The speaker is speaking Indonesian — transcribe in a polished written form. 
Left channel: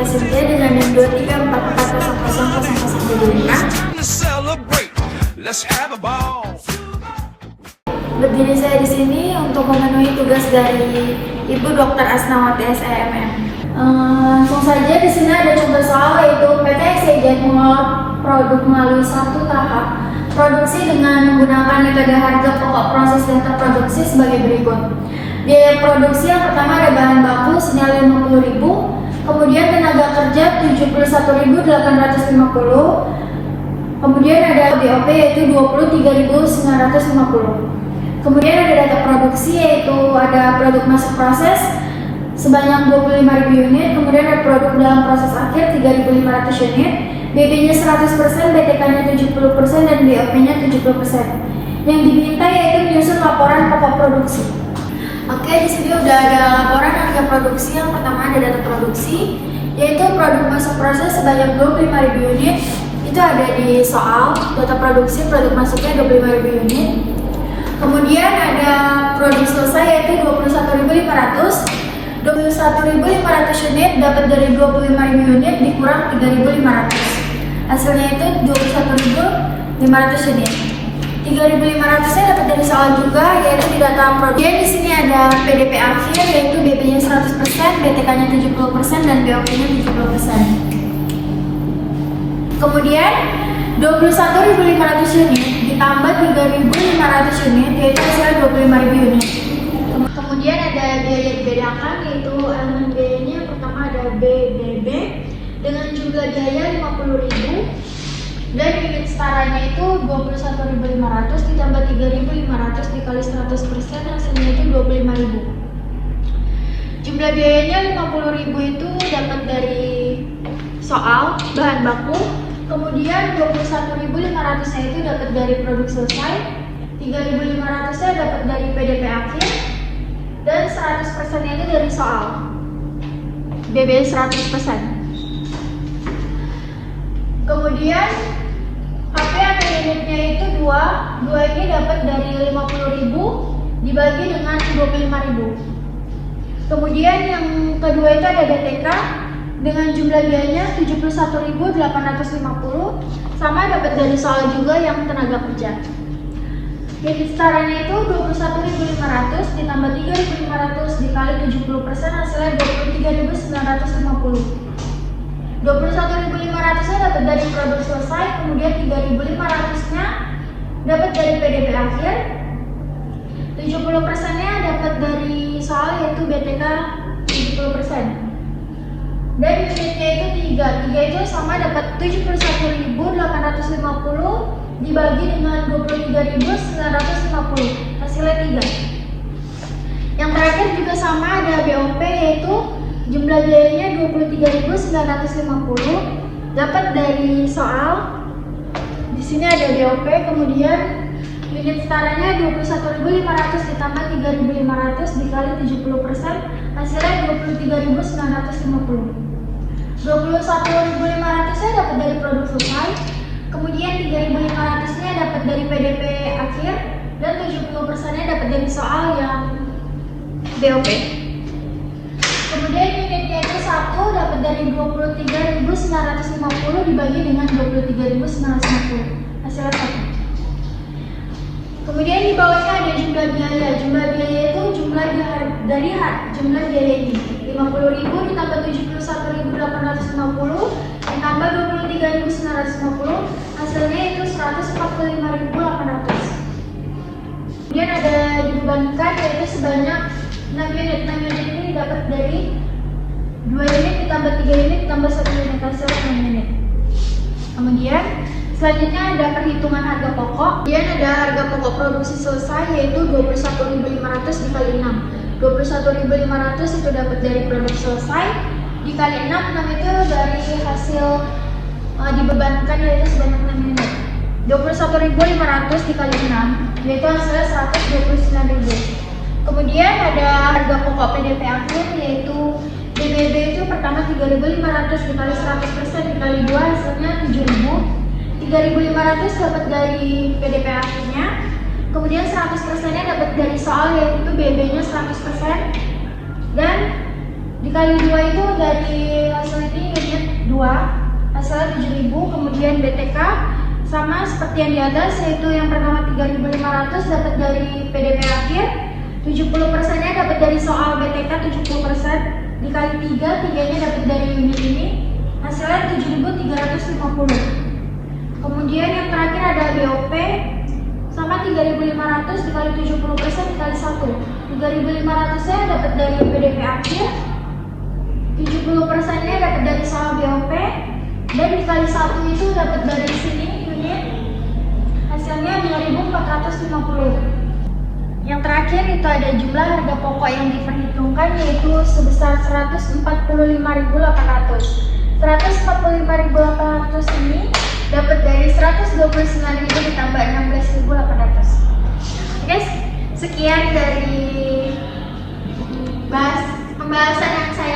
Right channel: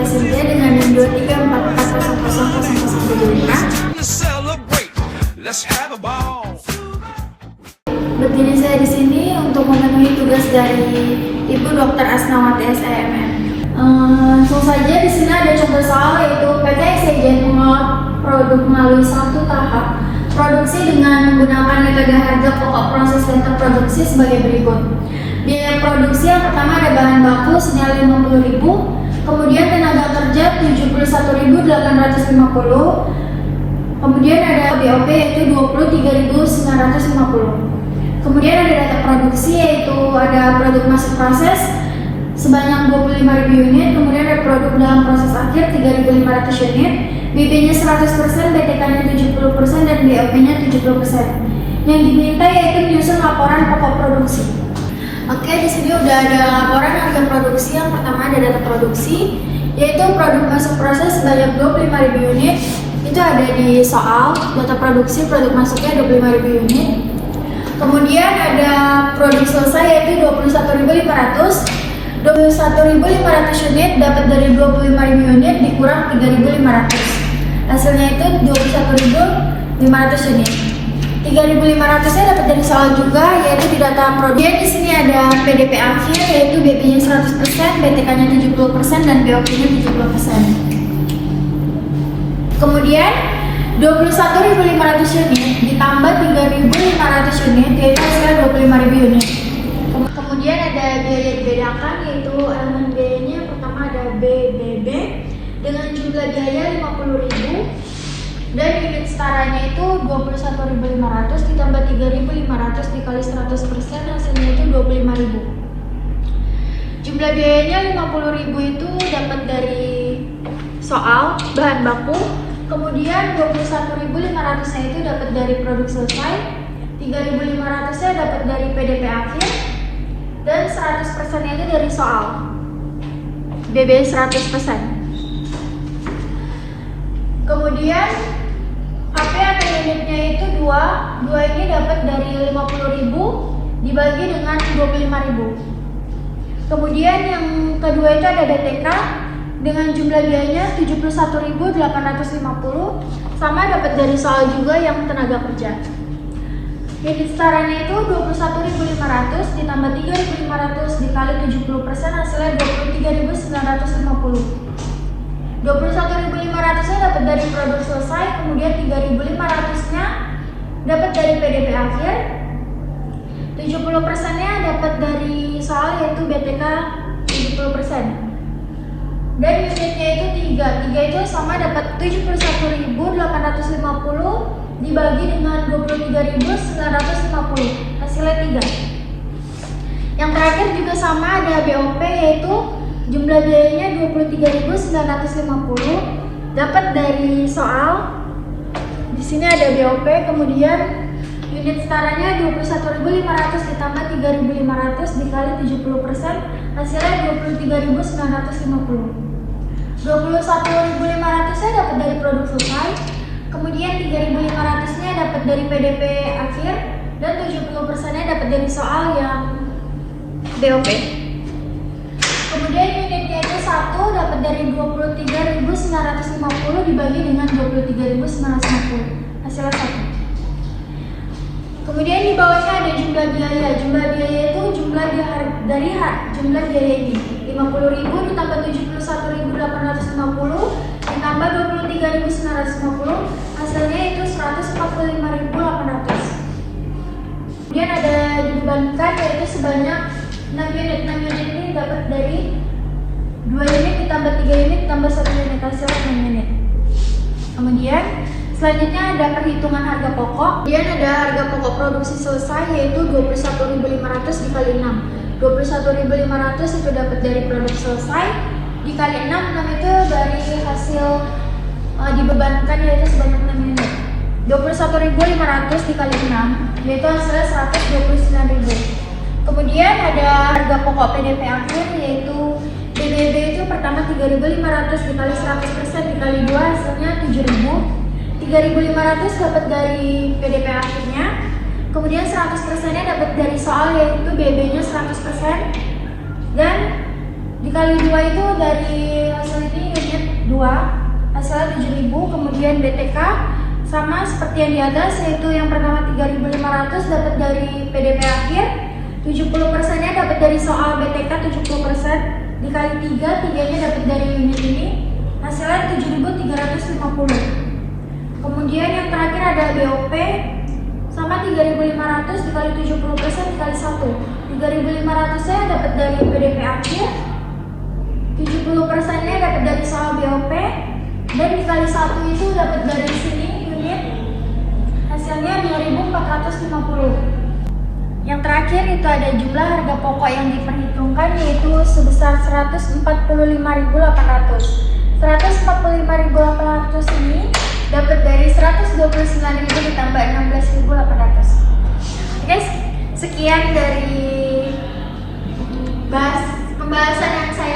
bisa saja dengan NIM 23440005. Berdiri saya di sini untuk memenuhi tugas dari Ibu Dr. Asnawati SIMM. Langsung saja di sini ada contoh soal, yaitu PT SIJ mengolah produk melalui satu tahap produksi dengan menggunakan metode harga pokok proses dan terproduksi sebagai berikut. Biaya produksi yang pertama ada bahan baku senilai 50.000, kemudian tenaga kerja 71.850, kemudian ada BOP yaitu 23.950. Kemudian ada data produksi, yaitu ada produk masuk proses sebanyak 25.000 unit, kemudian ada produk dalam proses akhir 3.500 unit, BB-nya 100%, BTK-nya 70%, dan BOP-nya 70%. Yang diminta yaitu menyusun laporan pokok produksi. Oke, di sini udah ada laporan harga produksi. Yang pertama ada data produksi, yaitu produk masuk proses sebanyak 25.000 unit. Itu ada di soal data produksi, produk masuknya 25.000 unit. Kemudian ada produk selesai yaitu 21.500. 21.500 unit dapat dari 25.000 unit dikurang 3.500. Hasilnya itu 21.500 unit. 3.500-nya dapat dari soal juga, yaitu di data produk. Di sini ada PDP akhir, yaitu BP-nya 100%, BTK-nya 70%, dan BOP-nya 70%. Kemudian 21.500 unit ditambah 3.500 unit, yaitu hasilnya 25.000 unit. Kemudian ada biaya dibedakan, yaitu elemen biayanya pertama ada BBB dengan jumlah biaya 50.000 dan unit setaranya itu 21.500 ditambah 3.500 dikali 100%, hasilnya itu 25.000. Jumlah biayanya 50.000 itu dapat dari soal bahan baku, kemudian 21.500-nya itu dapat dari produk selesai, 3.500-nya dapat dari PDP akhir, dan 100%-nya itu dari soal BB 100%. Kemudian HP atau unitnya itu 2 ini dapat dari 50.000 dibagi dengan 25.000. Kemudian yang kedua itu ada BTK dengan jumlah biayanya 71.850, sama dapat dari soal juga yang tenaga kerja. Unit setaranya itu 21.500 ditambah 3.500 dikali 70%, hasilnya 23.950. 21.500-nya dapat dari produk selesai, kemudian 3.500-nya dapat dari PDP akhir, 70%-nya dapat dari soal yaitu BTK 70%. Dan unitnya itu 3 itu sama dapat 71.850 dibagi dengan 23.950, hasilnya 3. Yang terakhir juga sama, ada BOP yaitu jumlah biayanya 23.950 dapat dari soal. Di sini ada BOP, kemudian unit setaranya 21.500 ditambah 3.500 dikali 70%, hasilnya 23.950. 21.500-nya dapat dari produk selesai, kemudian 3.500-nya dapat dari PDP akhir, dan 70%-nya dapat dari soal yang BOP. Kemudian unitnya itu 1 dapat dari 23.950 dibagi dengan 23.950, hasilnya 1. Kemudian di bawahnya ada jumlah biaya. Jumlah biaya itu jumlah biaya ini 50.000 ditambah 71.850 ditambah 23.950, hasilnya itu 145.800. Kemudian ada dibebankan yaitu sebanyak 6 unit. 6 unit ini dapat dari 2 unit ditambah 3 unit ditambah 1 unit, hasilnya 6 unit. Kemudian selanjutnya ada perhitungan harga pokok. Kemudian ada harga pokok produksi selesai yaitu 21.500 dikali 6. 21.500 itu dapat dari produk selesai dikali 6 itu dari hasil dibebankan yaitu sebanyak 6 unit. 21.500 dikali 6 itu hasilnya 129.000. Kemudian ada harga pokok PDP akhir yaitu BBB itu pertama 3.500 dikali 100% dikali 2 hasilnya 7.000. 3.500 dapat dari PDP akhirnya, kemudian 100%-nya dapat dari soal yaitu BB-nya 100%, dan Dikali 2 itu dari hasil ini unit 2, hasilnya 7.000. Kemudian BTK sama seperti yang di atas, yaitu yang pertama 3.500 dapat dari PDP akhir, 70%-nya dapat dari soal BTK 70%, dikali 3, 3-nya dapat dari unit ini, hasilnya 7.350. Kemudian yang terakhir ada BOP sama 3.500 dikali 70% dikali 1. 3.500-nya dapat dari PDP akhir, 70%-nya dapat dari soal BOP, dan dikali 1 itu dapat dari sini unit, hasilnya 2.450. Yang terakhir itu ada jumlah harga pokok yang diperhitungkan, yaitu sebesar 145.800. 145.800 ini dapat dari 129.000 ditambah 16.800. Guys, sekian dari pembahasan yang saya